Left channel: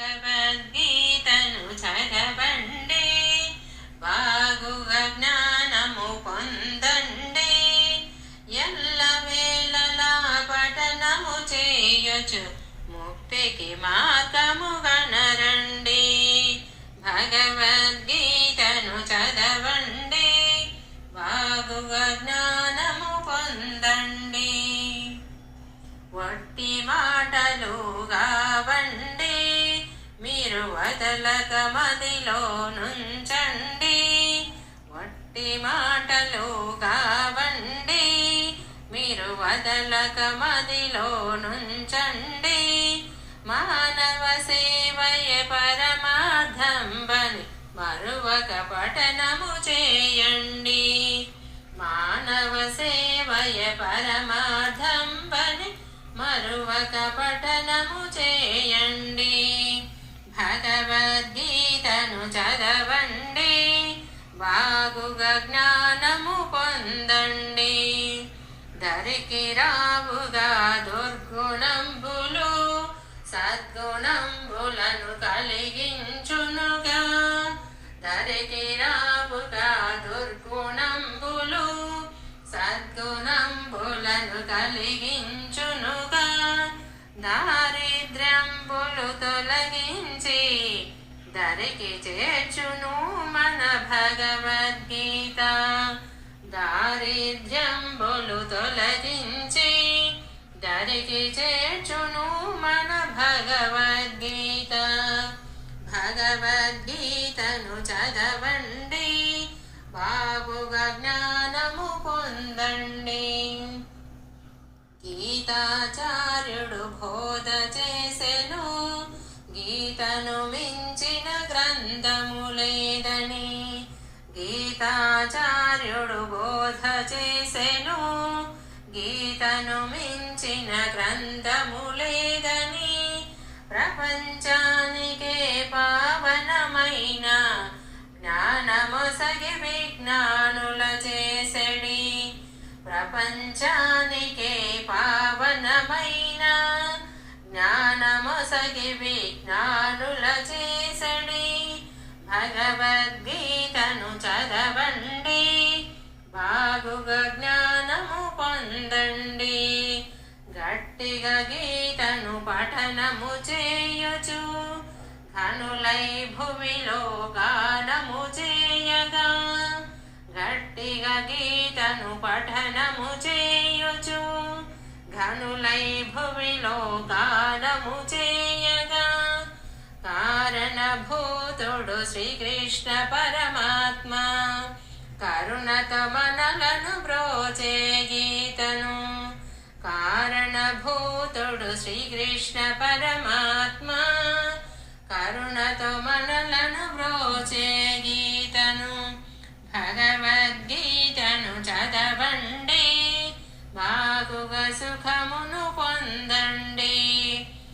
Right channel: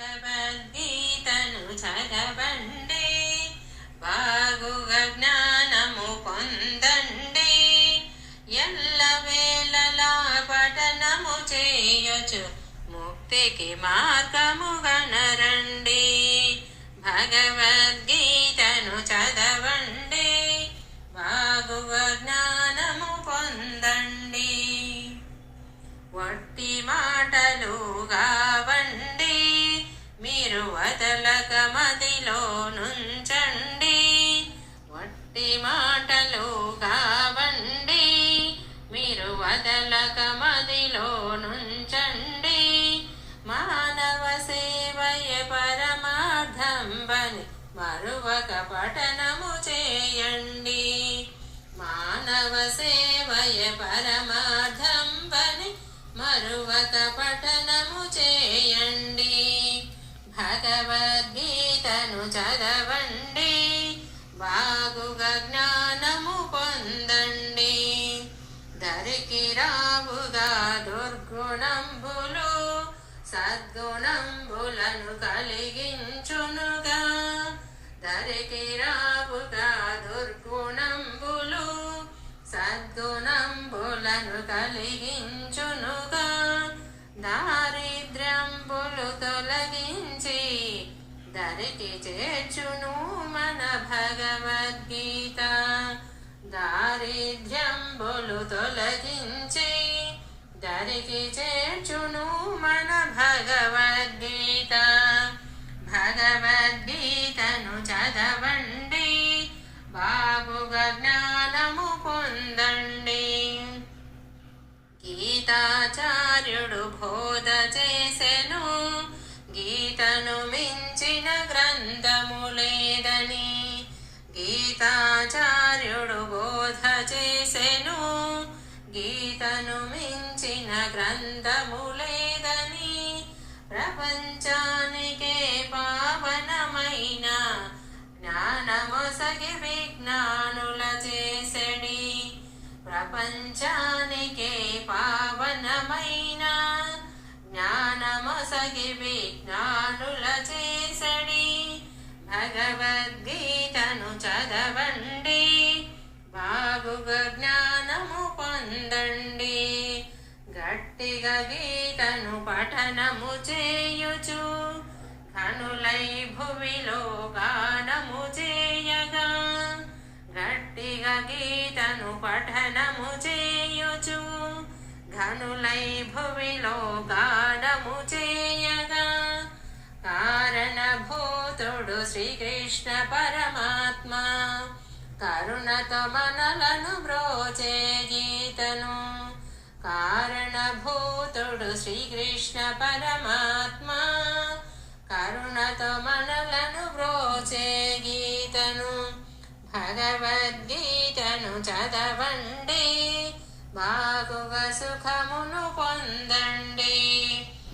భగవద్గీతను చదవండి, బాగుగా జ్ఞానము పొందండి. ఎల్లవేళలా పఠనము చేయొచ్చు, ముక్తికి మార్గము గనరండి. భగవద్గీతను చదవండి, బాగుగా జ్ఞానము పొందండి. వట్టి మాటలు కావండి, మీరు వదలక మదిలో నుంచండి. వట్టి మాటలు కావండి, మీరు వదలక మదిలో నుంచండి. మానవ సేవయే పరమార్థం బని మరువక పఠనము చేయండి. మానవ సేవయే పరమార్థం బని మరువక పఠనము చేయండి. భగవద్గీతను చదవండి, బాగుగా జ్ఞానము పొందండి. దరికి రావుగా దుర్గుణంబులు, సద్గుణంబులను కలిగించునుగా. దరికి రావుగా దుర్గుణంబులు, సద్గుణంబులను కలిగించునుగా. దారిద్ర్యంబులు తొలగించి దరికి చేర్చును మన భగవద్గీత. దారిద్ర్యంబులు తొలగించి దరికి చేర్చును మన భగవద్గీత. భగవద్గీతను చదవండి, బాగుగా జ్ఞానము పొందండి. గీతాచార్యుడు బోధ చేసెను, గీతను మించిన గ్రంథము లేదని. గీతాచార్యుడు బోధ చేసెను, గీతను మించిన గ్రంథము లేదని. ప్రపంచానికే పావనమైన జ్ఞానమొసగి విజ్ఞానుల చేసెడి. ప్రపంచానికే పావనమైన జ్ఞానమొసగి విజ్ఞానుల చేసెడి. భగవద్గీతను చదవండి, బాగుగా జ్ఞానము పొందండి. గట్టిగా గీతను పఠనము చేయుచు, కనులై భువిలో గానము చేయగా. గట్టిగా గీతను పఠనము చేయుచు, ఘనులై భువిలో గానము చేయగా. కారణభూతుడు శ్రీకృష్ణ పరమాత్మ, కరుణతో మనలను బ్రోచే గీతను. కారణభూతుడు శ్రీకృష్ణ పరమాత్మ, కరుణతో మనలను బ్రోచే గీతను. భగవద్గీతను చదవండి, బాగుగా సుఖమును పొందండి.